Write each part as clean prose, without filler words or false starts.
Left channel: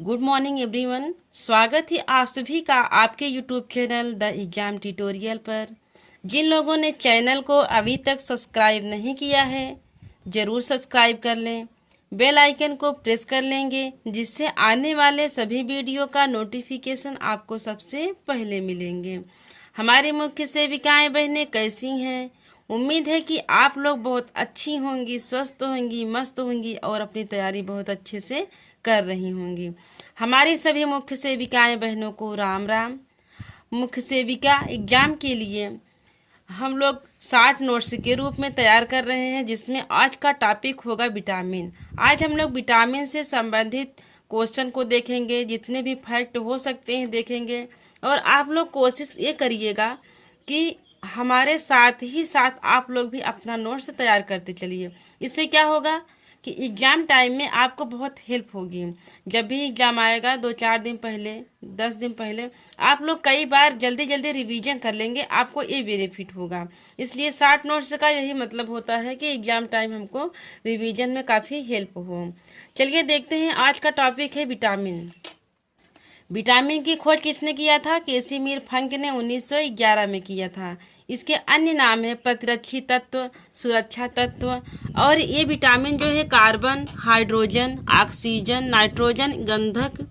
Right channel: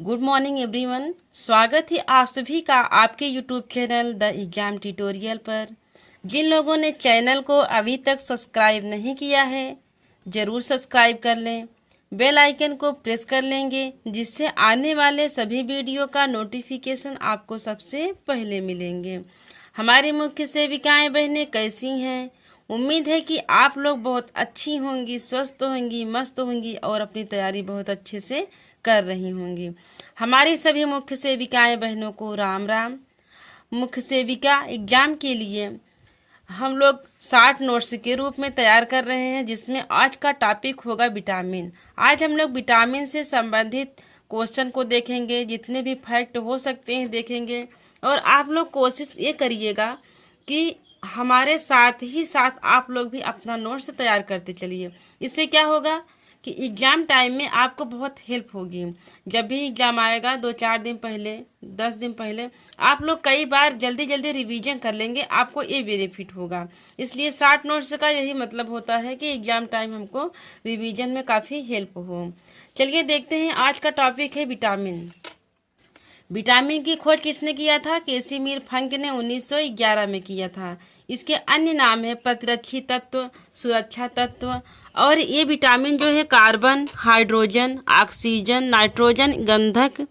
Good morning everyone. स्वागत है आप सभी का आपके YouTube channel the exam tutorial पर। जिन लोगों ने चैनल को अभी तक सब्सक्राइब नहीं किया है ज़रूर सब्सक्राइब कर लें, बेल आइकन को प्रेस कर लेंगे जिससे आने वाले सभी वीडियो का नोटिफिकेशन आपको सबसे पहले मिलेंगे। हमारी मुख्य सेविकाएं बहनें कैसी हैं? उम्मीद है कि आप लोग बहुत अच्छी होंगी, स्वस्थ होंगी, मस्त होंगी और अपनी तैयारी बहुत अच्छे से कर रही होंगी। हमारी सभी मुख्य सेविकाएं बहनों को राम राम। मुख्य सेविका एग्जाम के लिए हम लोग 60 नोट्स के रूप में तैयार कर रहे हैं, जिसमें आज का टॉपिक होगा विटामिन। आज हम लोग विटामिन से संबंधित क्वेश्चन को देखेंगे, जितने भी फैक्ट हो सकते हैं देखेंगे। और आप लोग कोशिश ये करिएगा कि हमारे साथ ही साथ आप लोग भी अपना नोट्स तैयार करते चलिए। इससे क्या होगा कि एग्ज़ाम टाइम में आपको बहुत हेल्प होगी। जब भी एग्ज़ाम आएगा 2-4 दिन पहले, 10 दिन पहले आप लोग कई बार जल्दी जल्दी रिवीजन कर लेंगे, आपको ये बेनिफिट होगा। इसलिए 60 नोट्स का यही मतलब होता है कि एग्ज़ाम टाइम हमको रिवीजन में काफ़ी हेल्प हो। चलिए देखते हैं, आज का टॉपिक है विटामिन। विटामिन की खोज किसने किया था? कैसिमिर फंक ने 1911 में किया था। इसके अन्य नाम है प्रतिरक्षी तत्व, सुरक्षा तत्व। और ये विटामिन जो है कार्बन, हाइड्रोजन, ऑक्सीजन, नाइट्रोजन, गंधक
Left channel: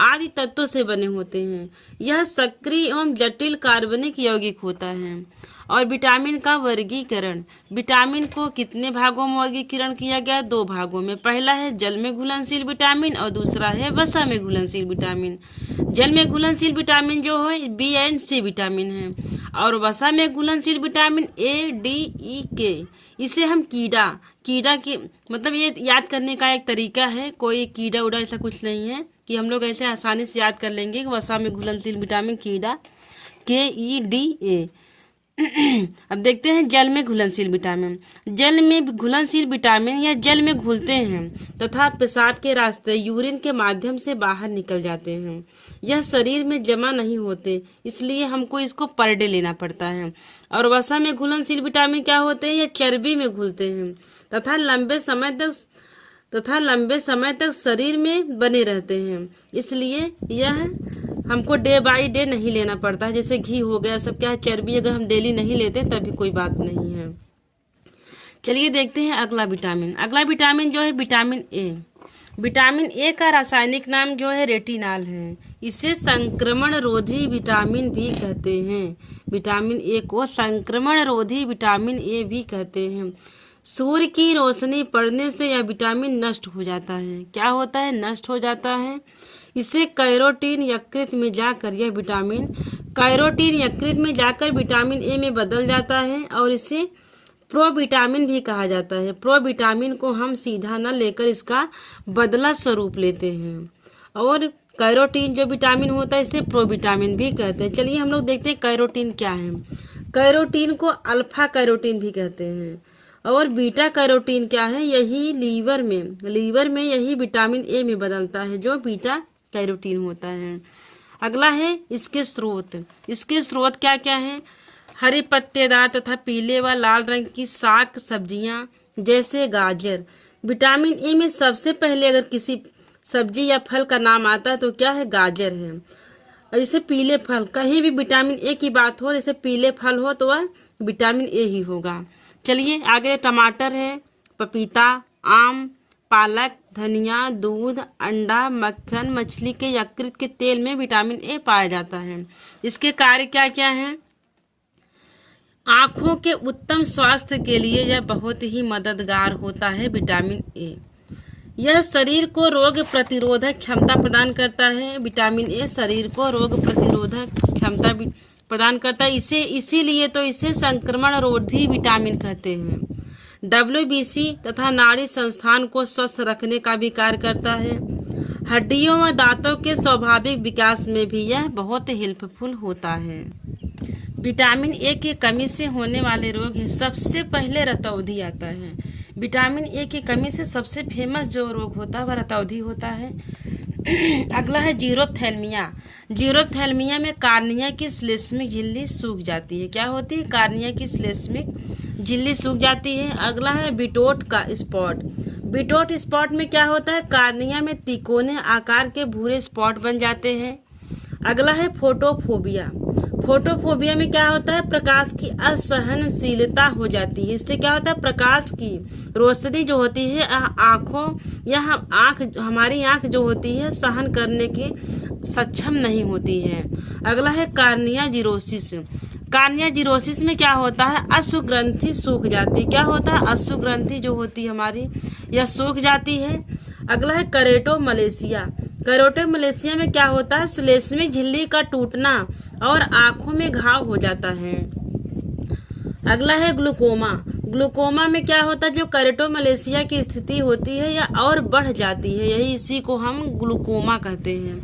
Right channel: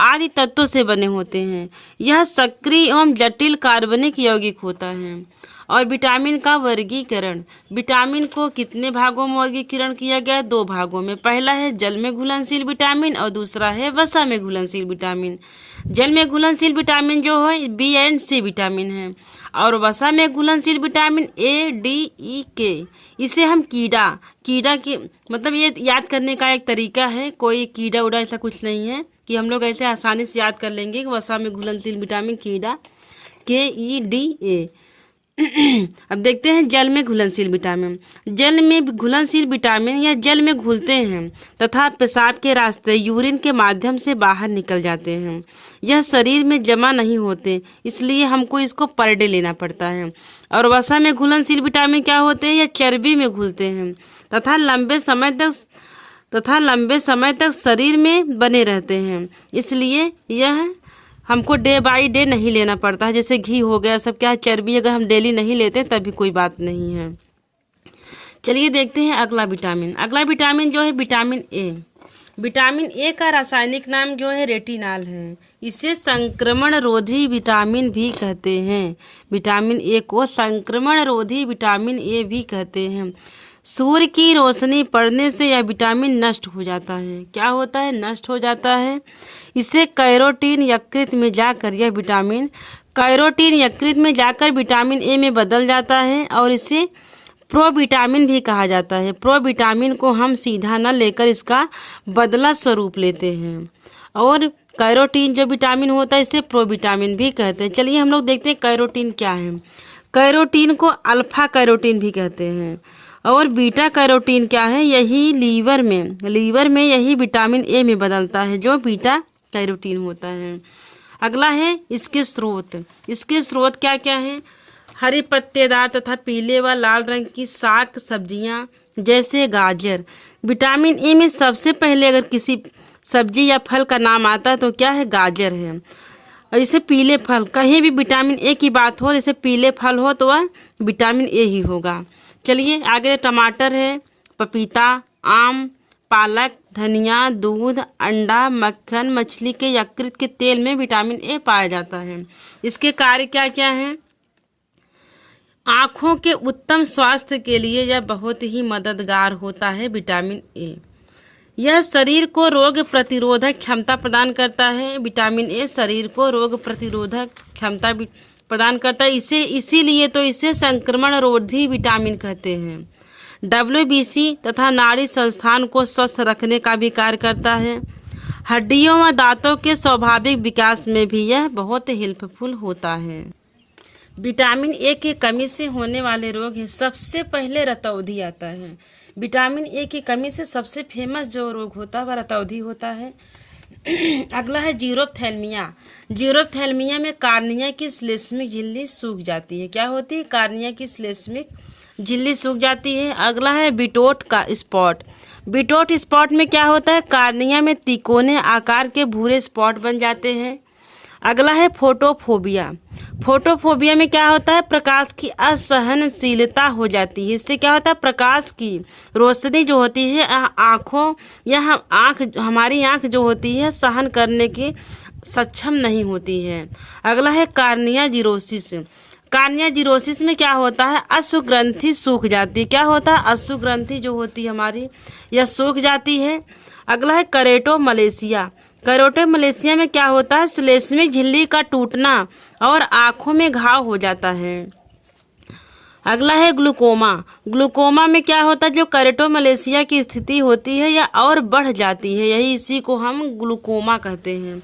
आदि तत्वों से बने होते हैं। यह सक्रिय एवं जटिल कार्बनिक यौगिक होता है। और विटामिन का वर्गीकरण, विटामिन को कितने भागों में वर्गीकरण किया गया है? 2 भागों में। पहला है जल में घुलनशील विटामिन और दूसरा है वसा में घुलनशील विटामिन। जल में घुलनशील विटामिन जो है बी एंड सी विटामिन है, और वसा में घुलनशील विटामिन ए, डी, ई, के। इसे हम कीड़ा की मतलब ये याद करने का एक तरीका है। कोई कीड़ा उड़ा ऐसा कुछ नहीं है कि हम लोग ऐसे आसानी से याद कर लेंगे कि वसा में घुलनशील विटामिन कीड़ा, KEDA। अब देखते हैं जल में घुलनशील विटामिन। जल में घुलनशील विटामिन या जल में घुलते हैं तथा पेशाब के रास्ते यूरिन के माध्यम से बाहर निकल जाते हैं। यह शरीर में जमा नहीं होते, इसलिए हमको इसको पर डे लेना पड़ता है। और वसा में घुलनशील विटामिन क्या होते हैं? यह चर्बी में घुलते हैं तथा लंबे समय तक शरीर में बने रहते हैं, इसलिए यह हमको डे बाय डे नहीं लेना पड़ता है। जैसे घी हो गया, सब क्या है चर्बी, अगर हम डेली नहीं लेते तभी कोई बात नहीं है। चलिए देखते हैं अगला विटामिन। अगला विटामिन जो है विटामिन ए। विटामिन ए का रासायनिक नाम जो है रेटिनॉल है। इसे संक्रमण रोधी विटामिन भी कहते हैं। विटामिन ए को संक्रमण रोधी विटामिन ए भी कहते हैं। सूर्य की रोशनी पड़ने से यह विटामिन नष्ट हो जाता है। क्या होता है? नष्ट हो जाता है। इसे कैरोटीन यकृत में जाकर विटामिन ए में बदल जाता है और इसे प्रोविटामिन भी कहा जाता है। प्रोविटामिन को हम सीधा न लेकर इसका बदला स्वरूप लेते हैं, और कैरोटीन जो विटामिन होता है इसे प्रोविटामिन भी कहते हैं। चलिए हम लोग देखते हैं कैरोटीन क्या है। कैरोटीन को अल्फा कैरोटीन भी कहते हैं। और बीटा कैरोटीन क्या है? यही लीवर में यही विटामिन ए में बदलता है, जो बीटा कैरोटीन होता है। अगला है इसके स्रोत क्या क्या है? हरी पत्तेदार तथा पीले व लाल रंग की शाक सब्जियां जैसे गाजर। विटामिन ए में सबसे पहले अगर किसी सब्जी या फल का नाम आता है तो क्या है? गाजर है। और इसे पीले फल, कहीं भी विटामिन ए की बात हो, जैसे पीले फल हो तो वह विटामिन ए ही होगा। चलिए आगे टमाटर है, पपीता, आम, पालक, धनिया, दूध, अंडा, मक्खन, मछली के यकृत के तेल में विटामिन ए पाया जाता है। इसके कार्य क्या क्या हैं? आँखों के उत्तम स्वास्थ्य के लिए यह बहुत ही मददगार होता है विटामिन ए। यह शरीर को रोग प्रतिरोधक क्षमता प्रदान करता है। विटामिन ए शरीर को रोग प्रतिरोधक क्षमता प्रदान करता है। इसीलिए तो इसे संक्रमण रोधी विटामिन कहते हैं। WBC तथा नाड़ी संस्थान को स्वस्थ रखने का भी कार्य करता है। हड्डियों व दांतों के स्वाभाविक विकास में भी यह बहुत हेल्पफुल होता है। विटामिन ए की कमी से होने वाले रोग हैं। सबसे पहले रतौंधी आता है। विटामिन ए की कमी से सबसे फेमस जो रोग होता है वह रतौंधी होता है। अगला है जीरोप्थेल्मिया। जीरोप्थेल्मिया में कार्निया की श्लेष्मिक झिल्ली सूख जाती है। क्या होती है? कार्निया की श्लेष्मिक झिल्ली सूख जाती है। अगला है बिटोट का स्पॉट। बिटोट स्पॉट में क्या होता है, कार्निया में तिकोने आकार के भूरे स्पॉट बन जाते हैं। अगला है फोटोफोबिया। फोटोफोबिया में क्या होता है, प्रकाश की असहनशीलता हो जाती है। इससे क्या होता है, प्रकाश की रोशनी जो होती है आँखों या हमारी आँख जो होती है सहन करने की सक्षम नहीं होती है। अगला है कार्निया जीरोसिस। कार्निया जीरोसिस में क्या होता है, अश्रु ग्रंथि सूख जाती है। क्या होता है, अश्रु ग्रंथि जो होती है हमारी यह सूख जाती है। अगला है करेटो मलेशिया। करेटो मलेशिया में क्या होता है, श्लेष्मिक झिल्ली का टूटना और आंखों में घाव हो जाता है। अगला है ग्लूकोमा। ग्लूकोमा में क्या होता है, जो करेटो मलेशिया की स्थिति होती है या और बढ़ जाती है, यही इसी को हम ग्लूकोमा कहते हैं।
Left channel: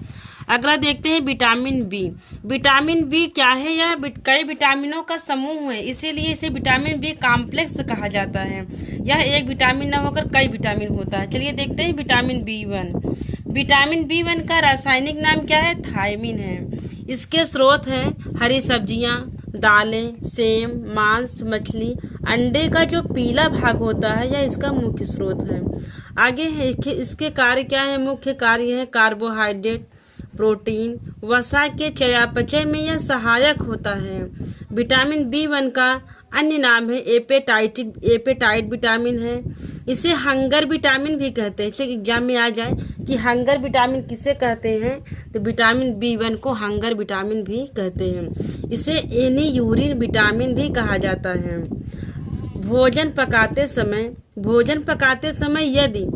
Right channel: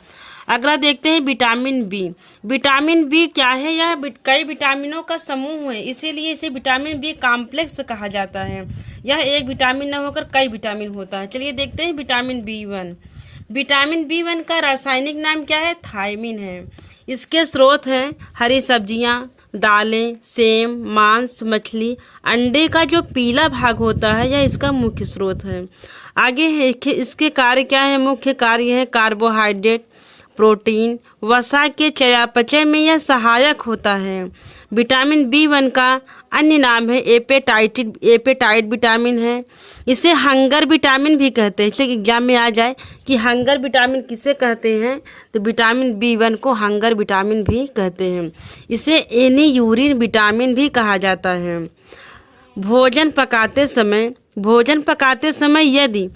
अगला देखते हैं विटामिन बी। विटामिन बी क्या है, यह कई विटामिनों का समूह है, इसीलिए इसे विटामिन बी कॉम्प्लेक्स कहा जाता है। यह एक विटामिन न होकर कई विटामिन होता है। चलिए देखते हैं विटामिन बी1। विटामिन बी1 का रासायनिक नाम क्या है, थायमिन है। इसके स्रोत हैं हरी सब्जियां, दालें, सेम, मांस, मछली, अंडे का जो पीला भाग होता है यह इसका मुख्य स्रोत है। आगे है इसके कार्य क्या है, मुख्य कार्य है कार्बोहाइड्रेट, प्रोटीन, वसा के चयापचय में यह सहायक होता है। विटामिन बी1 का अन्य नाम है एपेटाइट विटामिन है। इसे हंगर विटामिन भी कहते हैं। इसलिए एग्जाम में आ जाए कि हंगर विटामिन किसे कहते हैं, तो विटामिन बी1 को हंगर विटामिन भी कहते हैं। इसे एनीयूरिन विटामिन भी कहा जाता है। भोजन पकाते समय यदि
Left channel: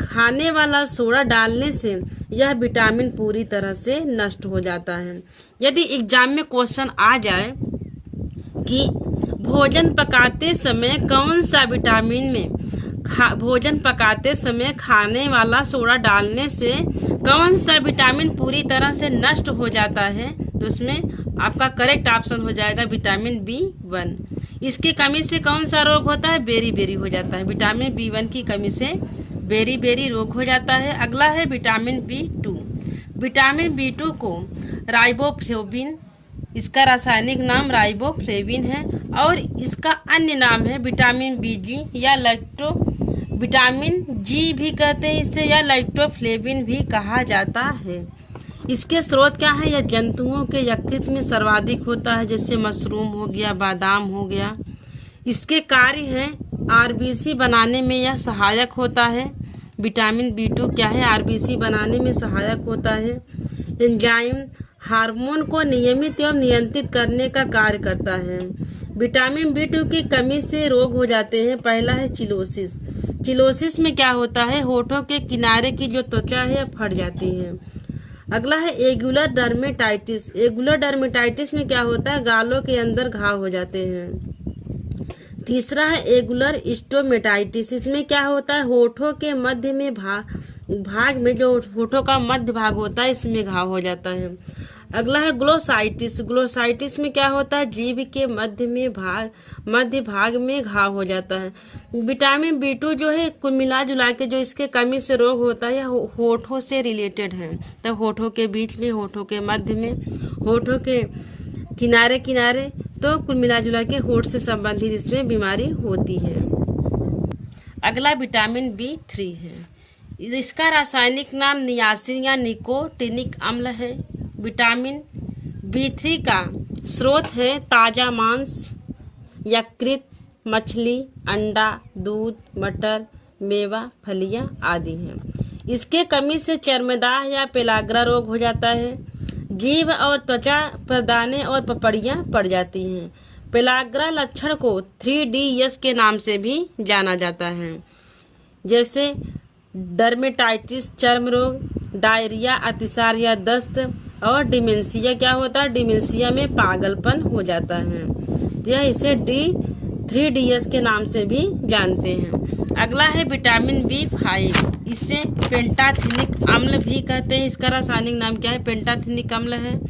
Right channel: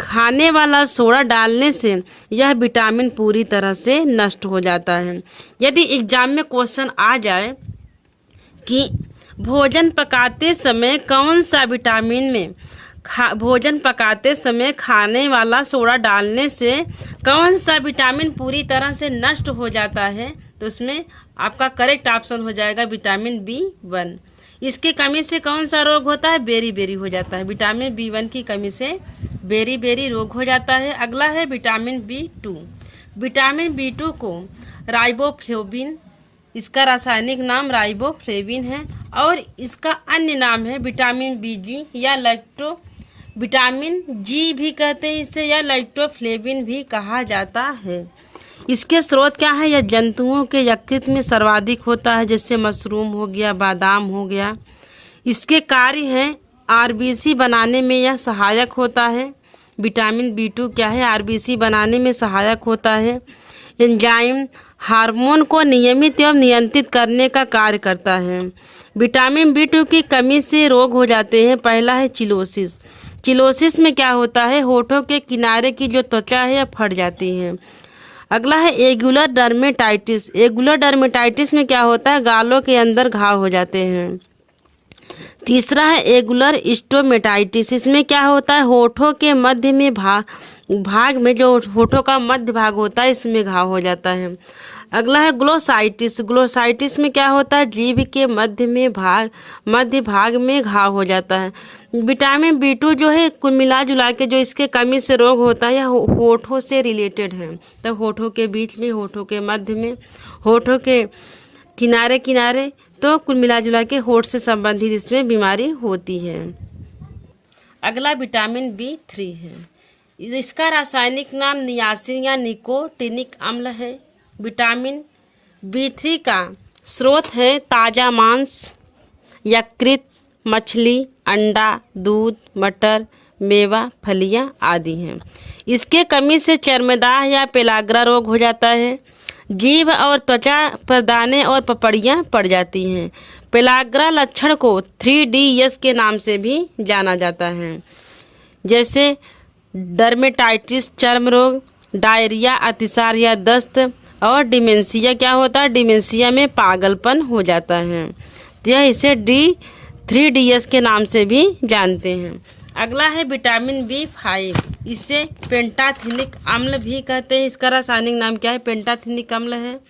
खाने वाला सोडा डालने से यह विटामिन पूरी तरह से नष्ट हो जाता है। यदि एग्जाम में क्वेश्चन आ जाए कि भोजन पकाते समय कौन सा विटामिन में भोजन पकाते समय खाने वाला सोडा डालने से कौन सा विटामिन पूरी तरह से नष्ट हो जाता है, तो उसमें आपका करेक्ट ऑप्शन हो जाएगा विटामिन बी1। इसकी कमी से कौन सा रोग होता है, बेरी हो जाता है। विटामिन बी1 की कमी से बेरी रोग हो जाता है। अगला है विटामिन बी2। विटामिन बी2 को राइबोफ्लेविन, इसका रासायनिक नाम राइबोफ्लेविन है, और इसका अन्य नाम है विटामिन बीजी या विटामिन जी भी कहते हैं इसे, या लाइटोफ्लेविन भी कहा जाता है। इसके स्रोत क्या है, यह जंतुओं के यकृत में सर्वाधिक होता है, जैसे मशरूम हो गया, बादाम हो गया। इसके कार्य हैं आरबीसी बनाने में यह सहायक होता है। विटामिन बी2 क्या है, आरबीसी बनाने में सहायक होता है। एंजाइम हार्मोन को नियमित एवं नियंत्रित करने का कार्य करता है। विटामिन बी2 की कमी से रोग हो जाते हैं। पहला है चिलोसिस। चिलोसिस में क्या होता है, होठों के किनारे की जो त्वचा है फट जाती है। अगला है एगुलर डर्मेटाइटिस। एगुलर डर्मेटाइटिस में क्या होता है, गालों के अंदर घाव हो जाते हैं। तीसरा है एगुलर स्टोमेटाइटिस। इसमें क्या होता है, होठों के मध्य में भाग में जो होठों का मध्य भाग होता है इसमें घाव हो जाता है। अगला है ग्लोसाइटिस। ग्लोसाइटिस में क्या होता है, जीभ के मध्य भाग में घाव हो जाता है। विटामिन बी2 जो है कुल मिला जुला के जो इसके कमी से रोग होता है यह होठों से रिलेटेड है। तो होठों के बीच में, होठों के मध्य में, होठों के किनारे, तो कुल मिला जुला के होठ से संबंधित इसमें बीमारी होती है। अगला विटामिन बी3 है। इसका रासायनिक नाम नियासिन या निकोटिनिक अम्ल है। विटामिन बी3 का स्रोत है ताजा मांस, यकृत, मछली, अंडा, दूध, मटर, मेवा, फलियां आदि हैं। इसके कमी से चर्मदाह या पेलाग्रा रोग हो जाता है। जीभ और त्वचा पर दाने और पपड़ियाँ पड़ जाती हैं। पेलाग्रा लक्षण को 3DS के नाम से भी जाना जाता है, जैसे डर्मेटाइटिस चर्म रोग, डायरिया, अतिसार या दस्त, और डिमेंशिया क्या होता है, डिमेंशिया में पागलपन हो जाता है। यह इसे 3DS के नाम से भी जानते हैं। अगला है विटामिन बी5। इसे पेंटाथिनिक अम्ल भी कहते हैं। इसका रासायनिक नाम क्या है, पेंटाथिनिक अम्ल है।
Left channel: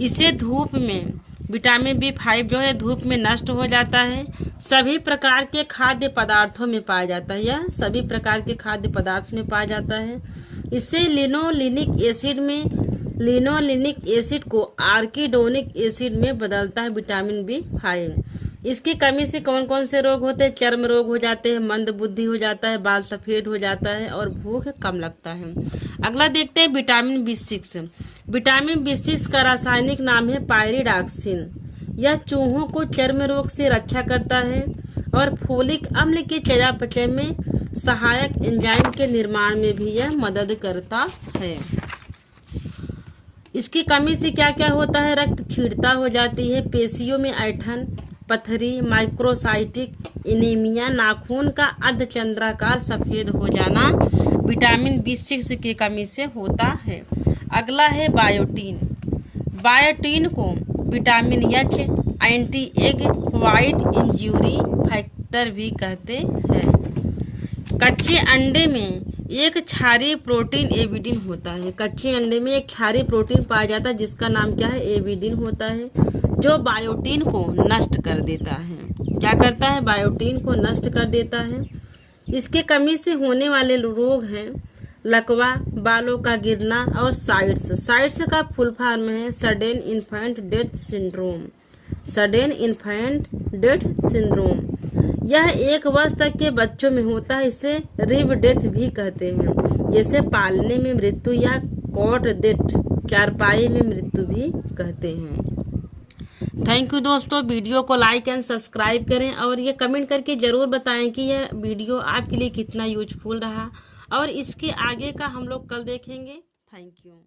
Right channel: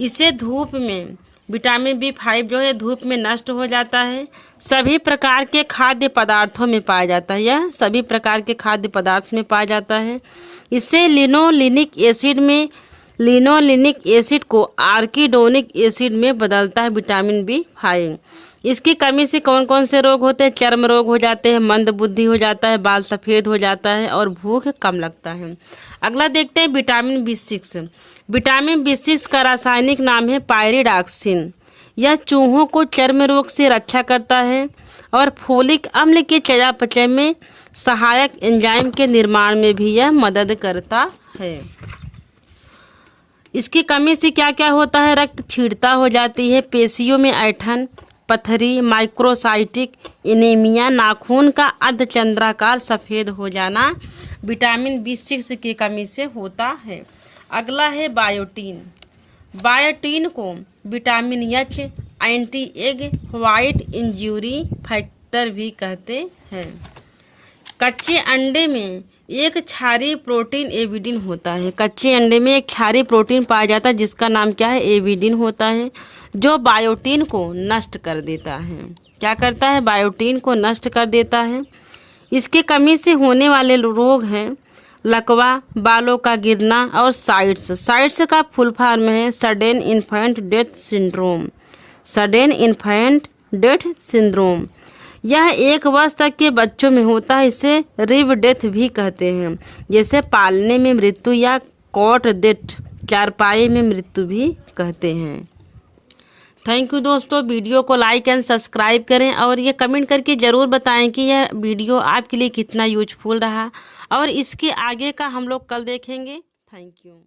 इसे धूप में, विटामिन बी5 जो है धूप में नष्ट हो जाता है। सभी प्रकार के खाद्य पदार्थों में पाया जाता है, यह सभी प्रकार के खाद्य पदार्थ में पाया जाता है। इससे लिनोलिनिक एसिड को आर्किडोनिक एसिड में बदलता है विटामिन बी5। इसकी कमी से कौन कौन से रोग होते हैं? चर्म रोग हो जाते हैं, मंद बुद्धि हो जाता है, बाल सफ़ेद हो जाता है और भूख कम लगता है। अगला देखते हैं विटामिन B6। विटामिन B6 का रासायनिक नाम है पायरिडॉक्सिन। यह चूहों को चर्म रोग से रक्षा करता है और फोलिक अम्ल के चयापचय में सहायक एंजाइम के निर्माण में भी यह मदद करता है। इसकी कमी से क्या क्या होता है? रक्त क्षीणता हो जाती है, पेशियों में ऐंठन, पथरी, माइक्रोसाइटिक एनीमिया, नाखून का अर्धचंद्राकार सफ़ेद हो जाना विटामिन B6 की कमी से होता है। अगला है बायोटीन। बायोटीन को vitamin H, anti egg white injury factor भी कहते हैं। कच्चे अंडे में एक क्षारीय प्रोटीन एविडिन होता है। कच्चे अंडे में एक क्षारीय प्रोटीन पाया जाता है जिसका नाम क्या है? एविडिन होता है, जो बायोटीन को नष्ट कर देता है। क्या करता है? बायोटीन को नष्ट कर देता है। इसकी कमी से होने वाले रोग हैं लकवा, बालों का गिरना और साइट्स। साइट्स का फुल फॉर्म है sudden infant death syndrome. Sudden infant death syndrome यह 1 वर्ष तक के बच्चों में होता है। इसे रिव डेथ भी कहते हैं, जैसे पालने में मृत्यु या कॉट डेथ, चारपाई में मृत्यु भी कहते हैं। थैंक यू दोस्तों। वीडियो को लाइक एंड सब्सक्राइब करें और ये कमेंट करके ज़रूर बताएं कि यह वीडियो आपके लिए कितना यूजफुल रहा और इसके आगे का हम लोग कल देखेंगे। Thank you.